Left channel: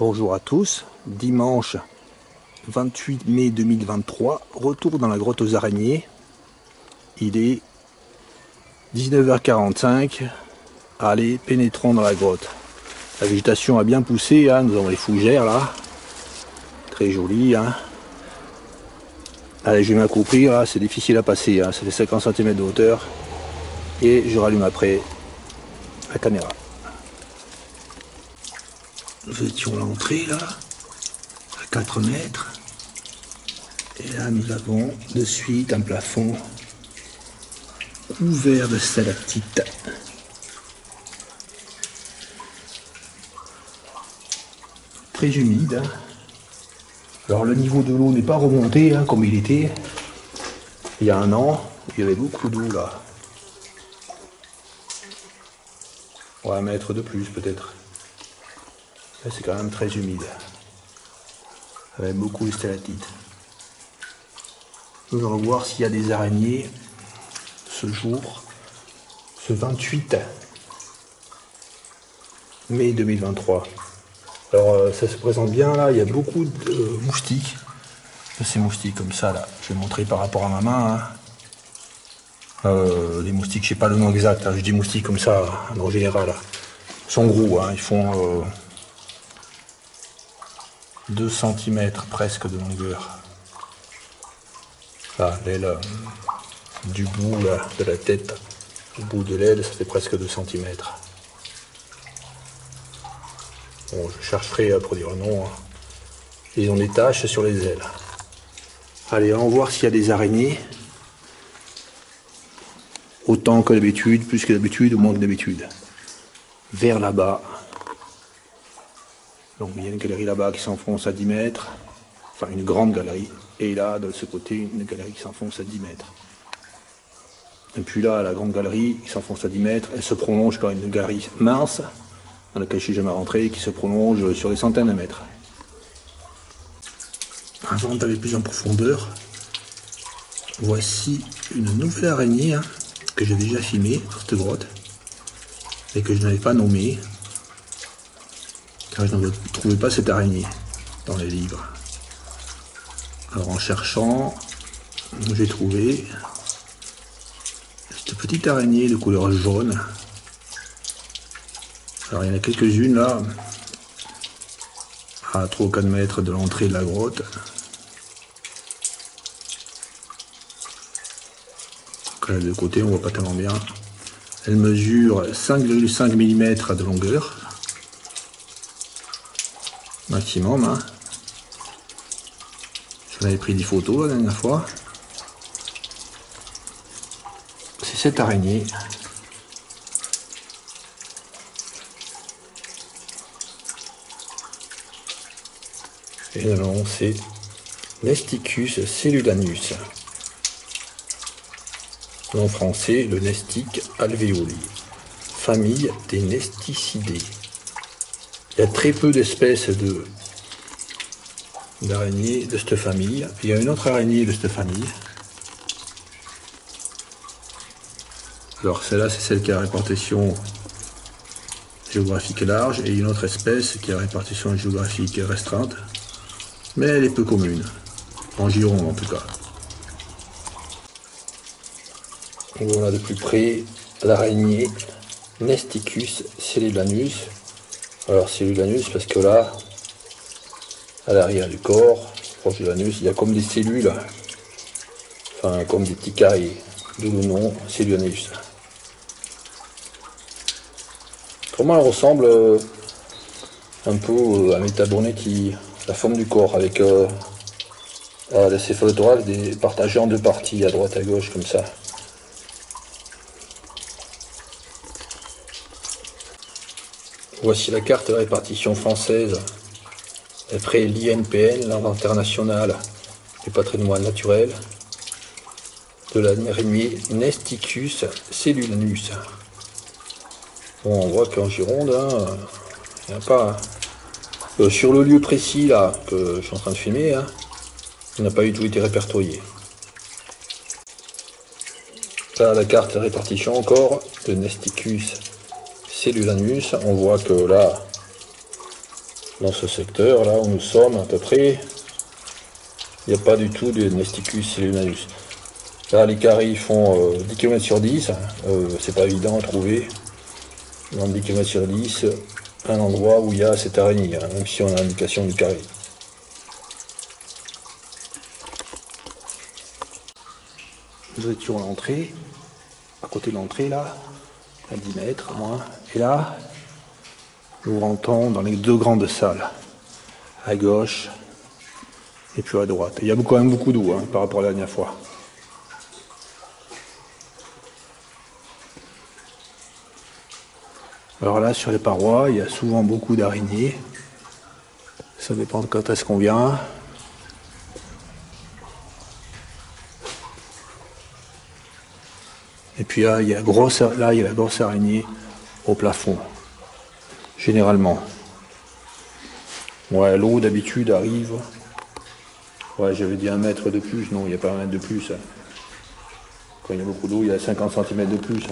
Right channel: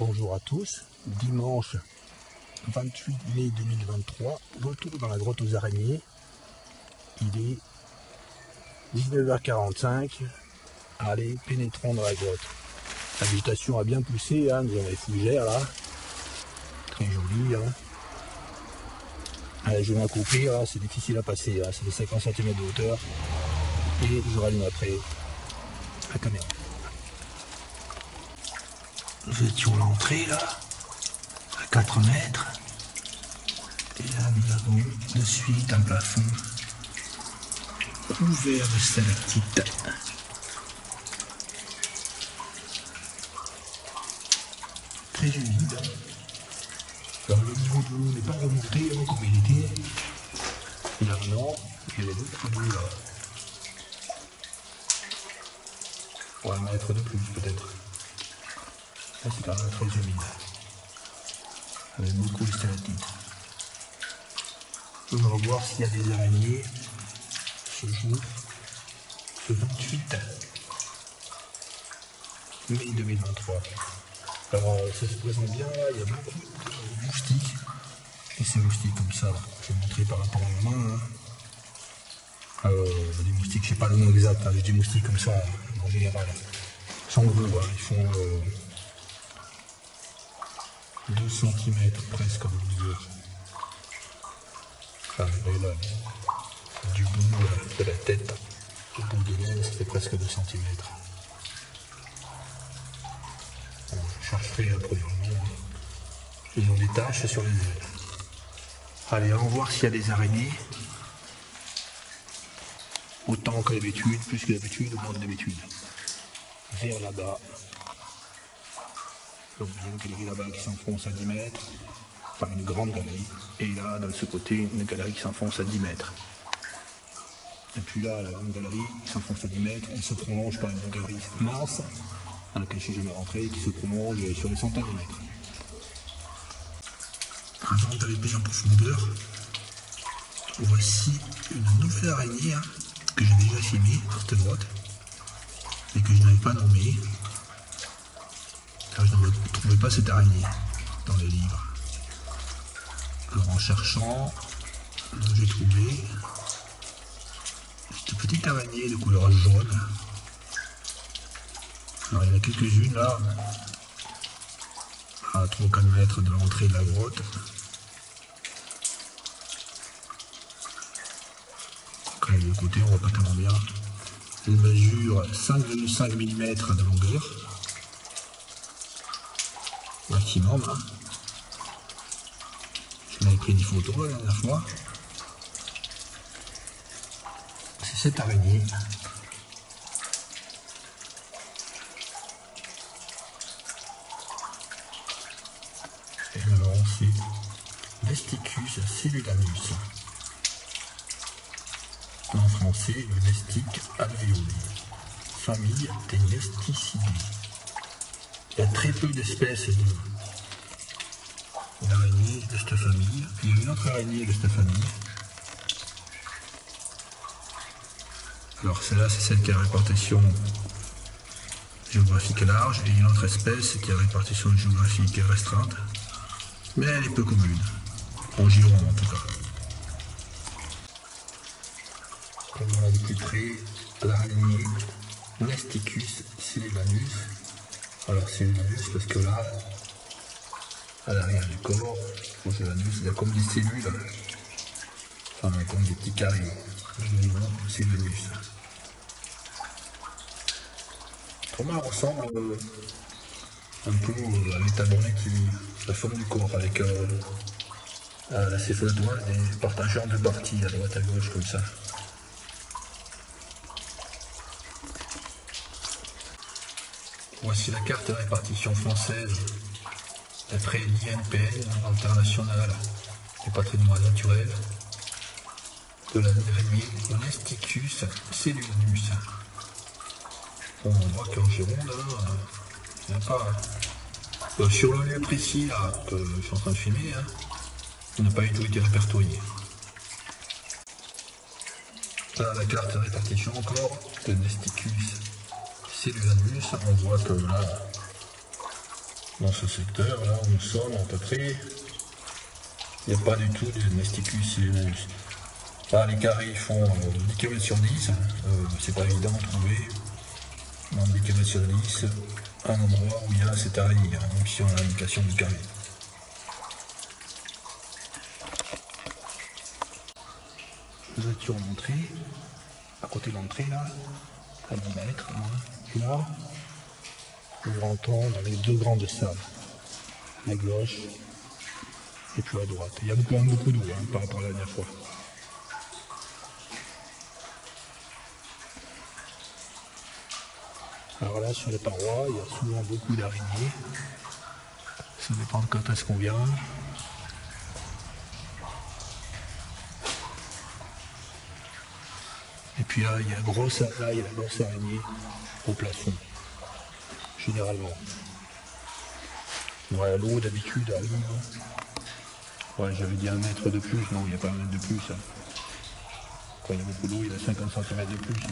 Bonjour à tous, dimanche 28 mai 2023, retour dans la grotte aux araignées. Il est 19h45, allez, pénétrons dans la grotte. La végétation a bien poussé, hein. Nous avons les fougères là, très jolies. Hein. Allez, je vais m'accroupir, là. C'est difficile à passer, hein. Ça fait 50 cm de hauteur. Et je rallume après la caméra. Nous étions à l'entrée là, à 4 mètres. Et là nous avons de suite un plafond couvert de stalactites. Très humide. Hein. Alors le niveau de l'eau n'est pas remonté hein, comme il était il y a un an. Il y avait beaucoup d'eau là. Ouais, 1 mètre de plus peut-être. Là c'est quand même très humide. Avec beaucoup de stalactites. Nous allons voir s'il y a des araignées ce jour, ce 28 mai 2023. Alors ça se présente bien là, il y a beaucoup de moustiques. Ces moustiques comme ça là, je vais montrer par rapport à ma main. Hein. Les moustiques, je sais pas le nom exact, hein. Je dis moustiques comme ça, en général. Là. Ils sont gros, hein. Ils font 2 cm presque de longueur. Là, l'aile du bout là, de la tête, au bout de l'aile, ça fait presque 2 cm. Bon, je chercherai à produire le nom. Hein. Ils ont des taches sur les ailes. Allez, allons voir s'il y a des araignées. Autant que d'habitude, plus que d'habitude, ou moins que d'habitude. Vers là-bas. Donc il y a une galerie là-bas qui s'enfonce à 10 mètres. Enfin une grande galerie. Et là, de ce côté, une galerie qui s'enfonce à 10 mètres. Et puis là, la grande galerie qui s'enfonce à 10 mètres, elle se prolonge par une galerie mince, dans laquelle je ne suis jamais rentré, qui se prolonge sur des centaines de mètres. Avant d'aller plus en profondeur, voici une nouvelle araignée hein, que j'ai déjà filmée dans cette grotte, et que je n'avais pas nommée, car je ne trouvais pas cette araignée dans les livres. Alors en cherchant, j'ai trouvé cette petite araignée de couleur jaune. Alors il y en a quelques-unes là, à 3 ou 4 mètres de l'entrée de la grotte. Donc de côté on voit pas tellement bien. Elle mesure 5,5 mm de longueur. Maximum. Hein. Je m'avais pris des photos la dernière fois. C'est cette araignée. Et le nom c'est Nesticus cellulanus. En français, le nestique alvéoli. Famille des nesticidés. Il y a très peu d'espèces d'araignées de cette famille. Il y a une autre araignée de cette famille. Alors celle-là, c'est celle qui a répartition géographique large et une autre espèce qui a répartition géographique restreinte. Mais elle est peu commune. En Gironde en tout cas. On voit de plus près l'araignée Nesticus cellulanus. Alors cellulanus parce que là, à l'arrière du corps, proche de l'anus, il y a comme des cellules, enfin comme des petits carrés, d'où le nom cellulanus. Autrement elle ressemble un peu à Metabonetti, la forme du corps, avec la céphalothorax partagée en 2 parties, à droite à gauche comme ça. Voici la carte de répartition française, d'après l'INPN, l'Inventaire national du patrimoine naturel, de l'araignée Nesticus cellulanus. Bon, on voit qu'en Gironde, hein, il n'y en a pas. Hein. Sur le lieu précis là, que je suis en train de filmer, hein, il n'a pas du tout été répertorié. Là, la carte de répartition encore de Nesticus cellulanus, on voit que là, dans ce secteur là où nous sommes à peu près, il n'y a pas du tout de Nesticus sillonarius. Là les carrés font 10 km sur 10, c'est pas évident à trouver. Dans 10 km sur 10, un endroit où il y a cette araignée, hein, même si on a l'indication du carré. Nous étions à l'entrée, à côté de l'entrée là, à 10 mètres moins, et là, nous rentrons dans les deux grandes salles, à gauche et puis à droite. Il y a quand même beaucoup d'eau hein, par rapport à la dernière fois. Alors là, sur les parois, il y a souvent beaucoup d'araignées. Ça dépend de quand est-ce qu'on vient. Et puis là, il y a la grosse araignée au plafond, généralement. Ouais, l'eau d'habitude arrive. Ouais, j'avais dit 1 mètre de plus. Non, il n'y a pas 1 mètre de plus. Quand il y a beaucoup d'eau, il y a 50 cm de plus.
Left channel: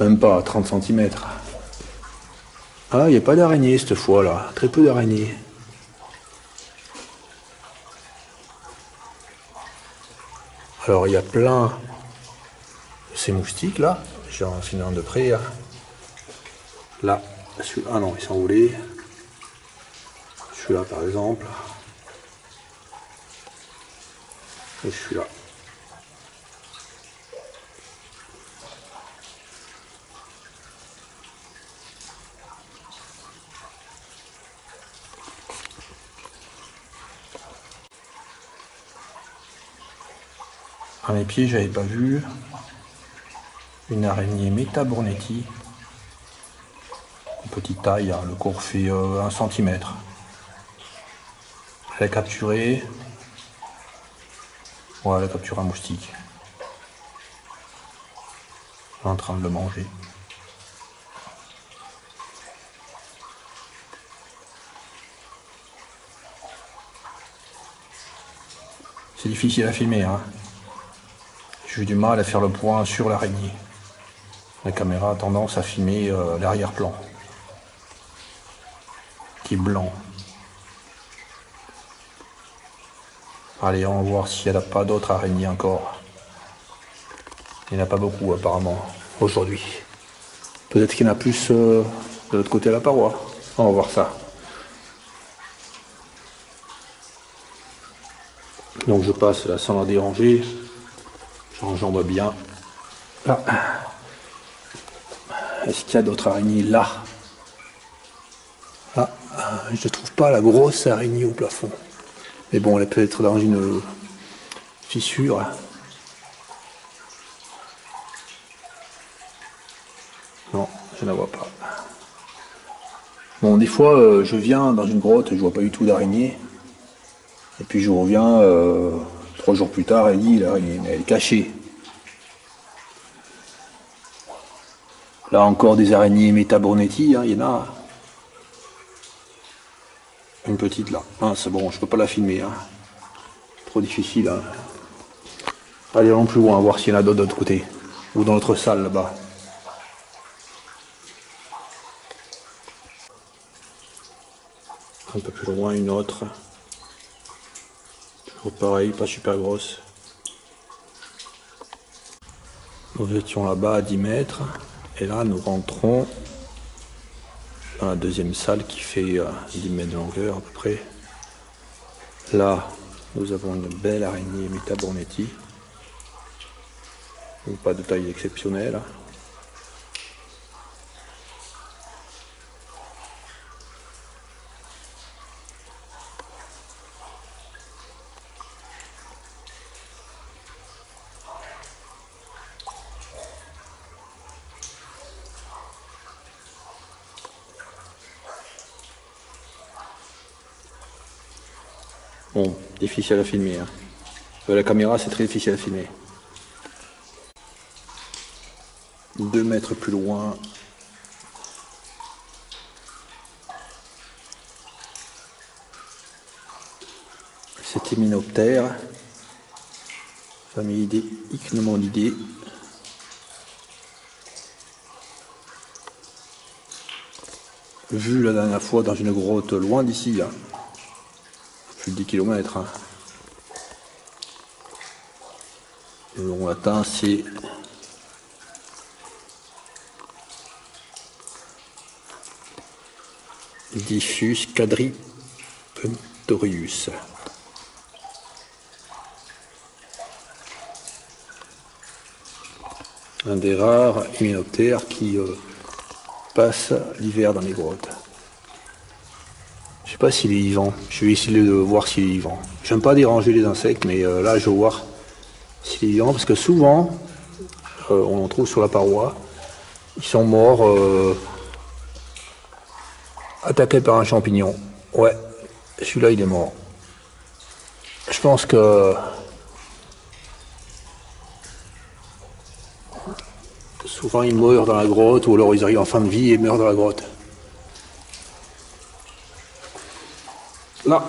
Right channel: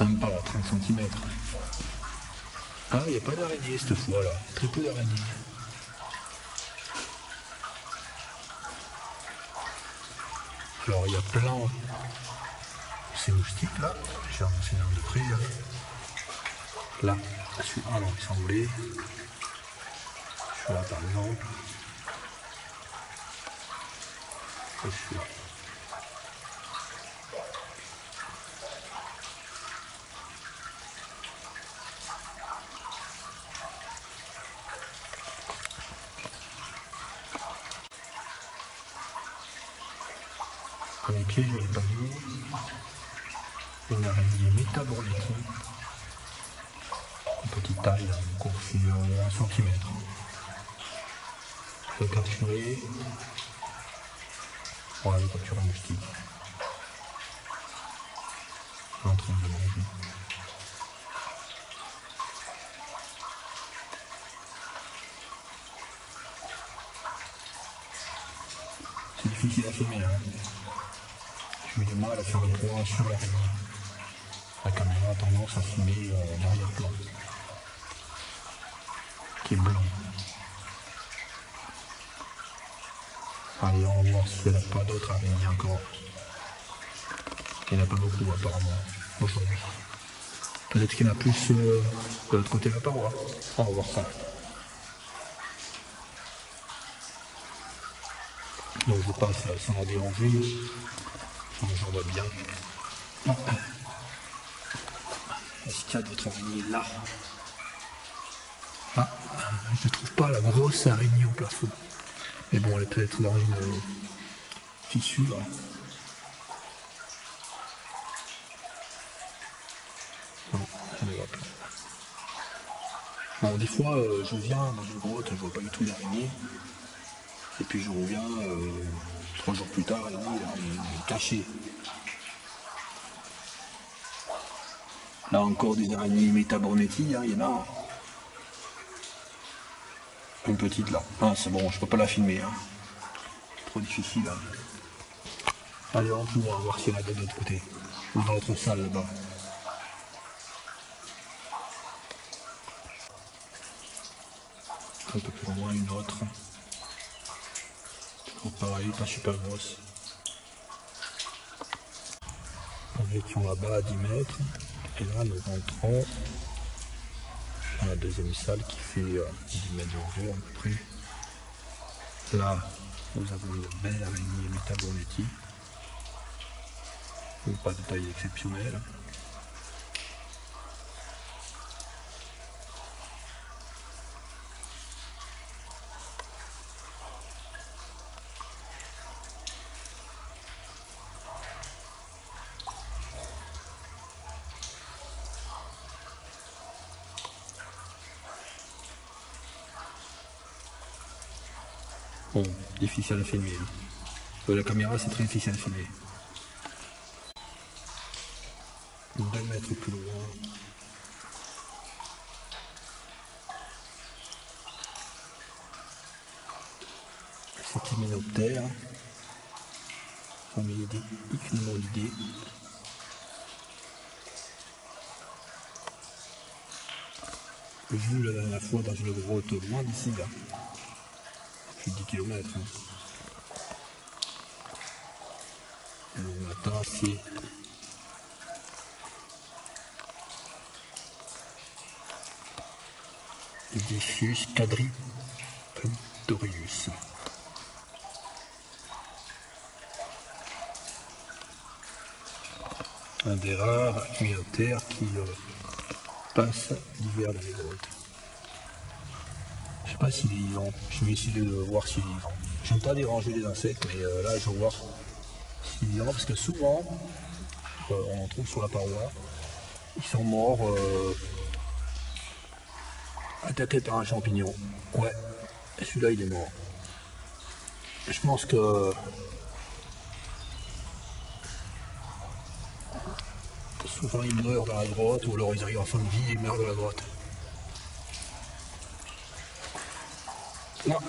Même pas 30 cm. Ah, il n'y a pas d'araignée cette fois-là. Très peu d'araignées. Alors, il y a plein de ces moustiques là. J'en filme un de près. Là, ah non, ils sont roulés. Celui-là par exemple. Et celui-là. À mes pieds, j'avais pas vu une araignée Metabournetti. Petite taille, hein, le cours fait 1 cm. Elle a capturé. Ouais, elle a capturé un moustique. Elle est en train de le manger. C'est difficile à filmer, hein. J'ai eu du mal à faire le point sur l'araignée. La caméra a tendance à filmer l'arrière-plan, qui est blanc. Allez, on va voir s'il n'y a pas d'autres araignées encore. Il n'y en a pas beaucoup apparemment aujourd'hui. Peut-être qu'il y en a plus de l'autre côté de la paroi. On va voir ça. Donc je passe là sans la déranger. J'enjambe bien. Là. Est-ce qu'il y a d'autres araignées là? Ah, je ne trouve pas la grosse araignée au plafond. Mais bon, elle est peut-être dans une fissure. Non, je ne la vois pas. Bon, des fois, je viens dans une grotte, je vois pas du tout d'araignée. Et puis je reviens 3 jours plus tard, l'araignée, elle est cachée. Là encore des araignées Metabournetti, hein, il y en a. Une petite là. Ah, c'est bon, je peux pas la filmer. Hein. Trop difficile. Hein. Allez, allons plus loin, voir s'il y en a d'autres de l'autre côté. Ou dans l'autre salle là-bas. Un peu plus loin, une autre. Toujours pareil, pas super grosse. Nous étions là-bas à 10 mètres. Et là, nous rentrons dans la deuxième salle qui fait 10 mètres de longueur à peu près. Là, nous avons une belle araignée Metabournetti. Pas de taille exceptionnelle. Bon, difficile à filmer. Hein. La caméra, c'est très difficile à filmer. 2 mètres plus loin. C'est Hyménoptère, famille des Ichneumonidae. vu la dernière fois dans une grotte loin d'ici, là. Plus de 10 km. Hein. Le long latin, c'est Diffus quadripuntorius. Un des rares hyménoptères qui passe l'hiver dans les grottes. Je sais pas s'il est vivant. Je vais essayer de voir s'il est vivant. J'aime pas déranger les insectes, mais là je vais voir s'il est vivant parce que souvent on en trouve sur la paroi. Ils sont morts attaqués par un champignon. Ouais, celui-là il est mort. Je pense que souvent ils meurent dans la grotte ou alors ils arrivent en fin de vie et meurent dans la grotte. Là,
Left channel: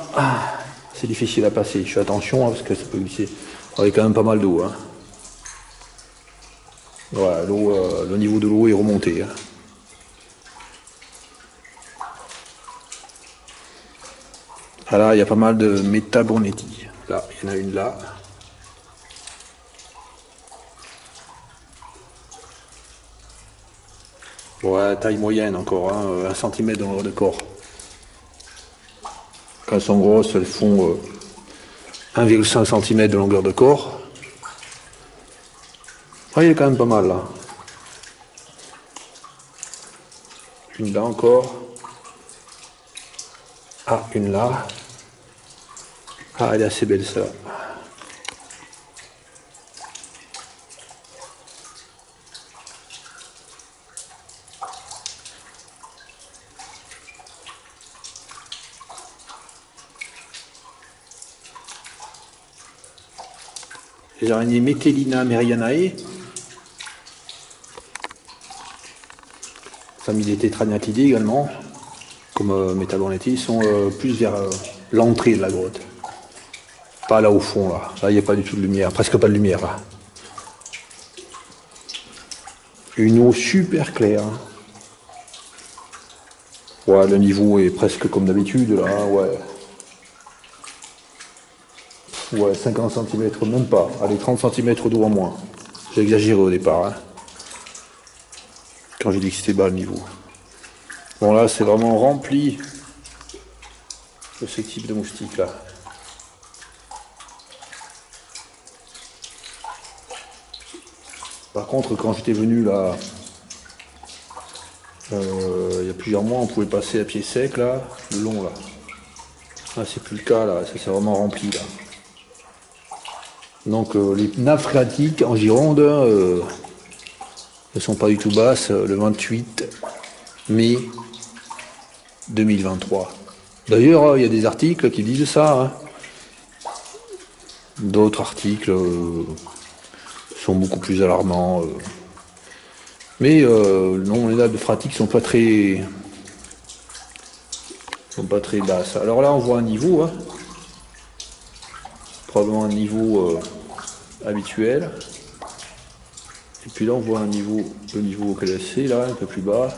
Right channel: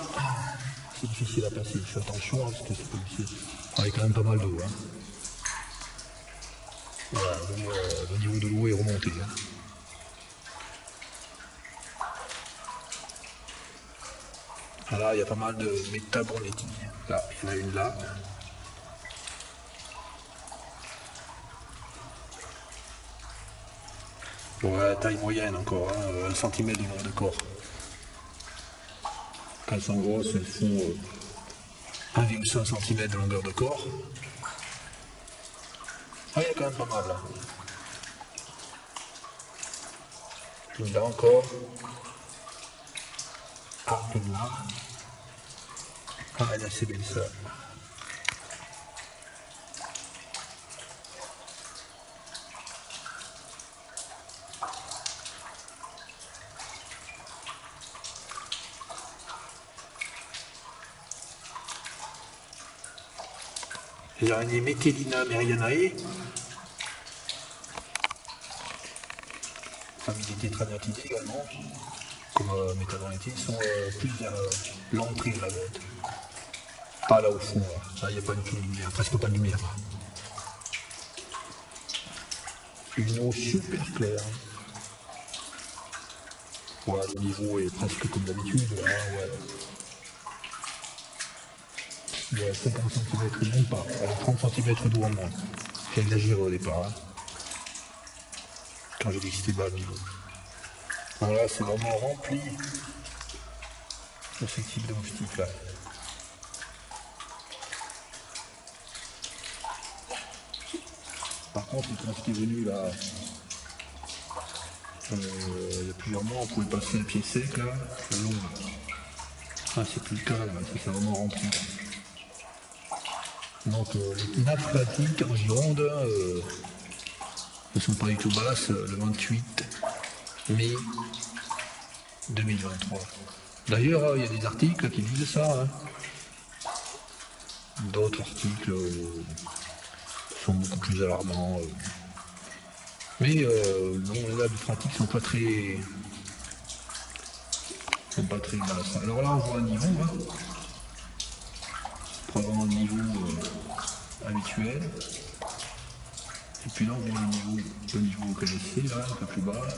c'est difficile à passer. Je fais attention hein, parce que ça peut glisser. Il y a quand même pas mal d'eau. Hein. Voilà, le niveau de l'eau est remonté. Hein. Ah là, il y a pas mal de Metabonetti. Là, il y en a une là. Ouais, taille moyenne encore, hein, 1 cm dans leur corps. Quand elles sont grosses, elles font 1,5 cm de longueur de corps. Ah, il y a quand même pas mal là. Une là encore. Ah, une là. Ah, elle est assez belle ça. Les araignées Metellina merianae, famille des tétraniatidés également, comme Metabonetti, sont plus vers l'entrée de la grotte. Pas là au fond, là. Là, il n'y a pas du tout de lumière, presque pas de lumière, là. Une eau super claire. Ouais, le niveau est presque comme d'habitude, là, ouais. Ouais, 50 cm, même pas. Allez, 30 cm d'eau en moins. J'ai exagéré au départ, hein. Quand j'ai dit que c'était bas le niveau. Bon, là, c'est vraiment rempli de ce type de moustiques-là. Par contre, quand j'étais venu là, il y a plusieurs mois, on pouvait passer à pied sec là, le long là. Ah, c'est plus le cas là, ça c'est vraiment rempli là. Donc les nappes phréatiques en Gironde ne sont pas du tout basses le 28 mai 2023. D'ailleurs, il y a des articles qui disent ça. Hein. D'autres articles sont beaucoup plus alarmants. Mais non, les nappes phréatiques sont pas très basses. Alors là, on voit un niveau, hein. Probablement un niveau habituel. Et puis là, on voit le niveau auquel c'est, là, un peu plus bas.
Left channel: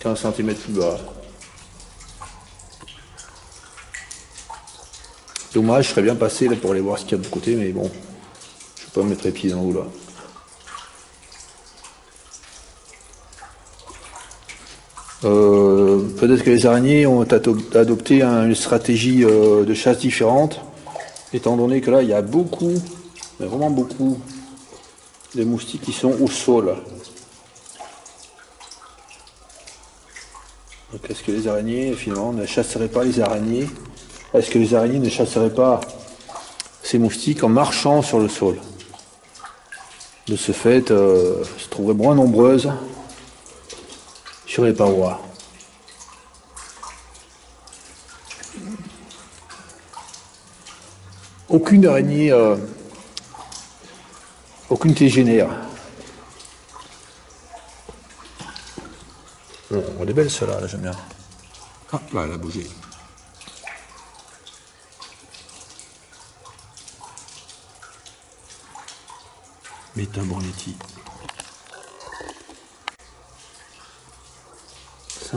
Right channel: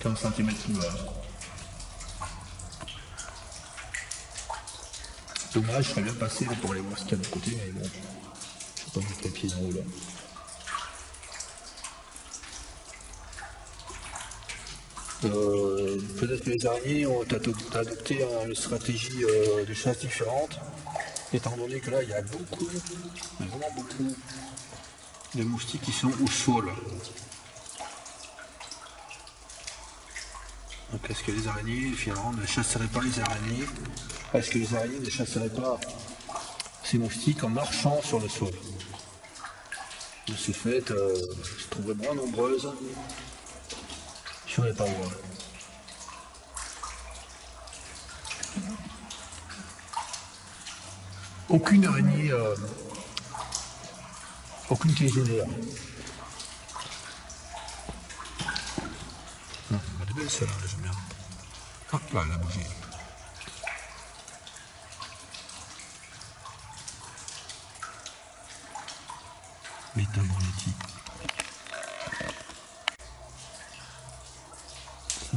15 cm plus bas. Dommage, je serais bien passé là pour aller voir ce qu'il y a de côté, mais bon, je ne vais pas mettre les pieds dans l'eau là. Peut-être que les araignées ont adopté une stratégie de chasse différente, étant donné que là, il y a beaucoup, mais vraiment beaucoup, de moustiques qui sont au sol. Donc est-ce que les araignées, finalement, ne chasseraient pas les araignées? Est-ce que les araignées ne chasseraient pas ces moustiques en marchant sur le sol? De ce fait, se trouveraient moins nombreuses sur les parois. Aucune araignée, aucune tégénaire. Non, elle est belle celle-là, j'aime bien. Ah, là, elle a bougé. Metabonetti.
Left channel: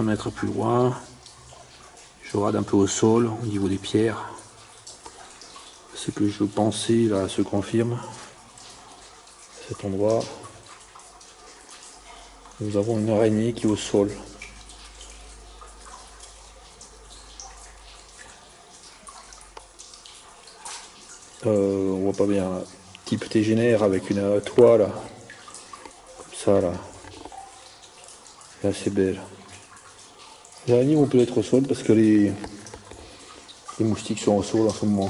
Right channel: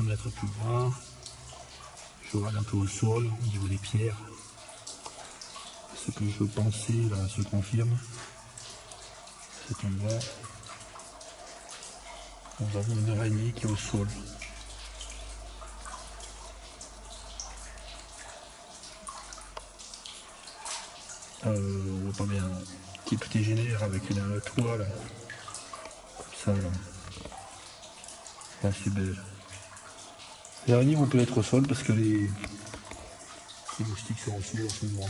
1 mètre plus loin. Je rade un peu au sol, au niveau des pierres. Ce que je pensais là se confirme. À cet endroit, nous avons une araignée qui est au sol. On voit pas bien. Type tégénaire avec une toile, comme ça là. C'est assez belle. Les araignées vont peut être au sol parce que les moustiques sont au sol en ce moment.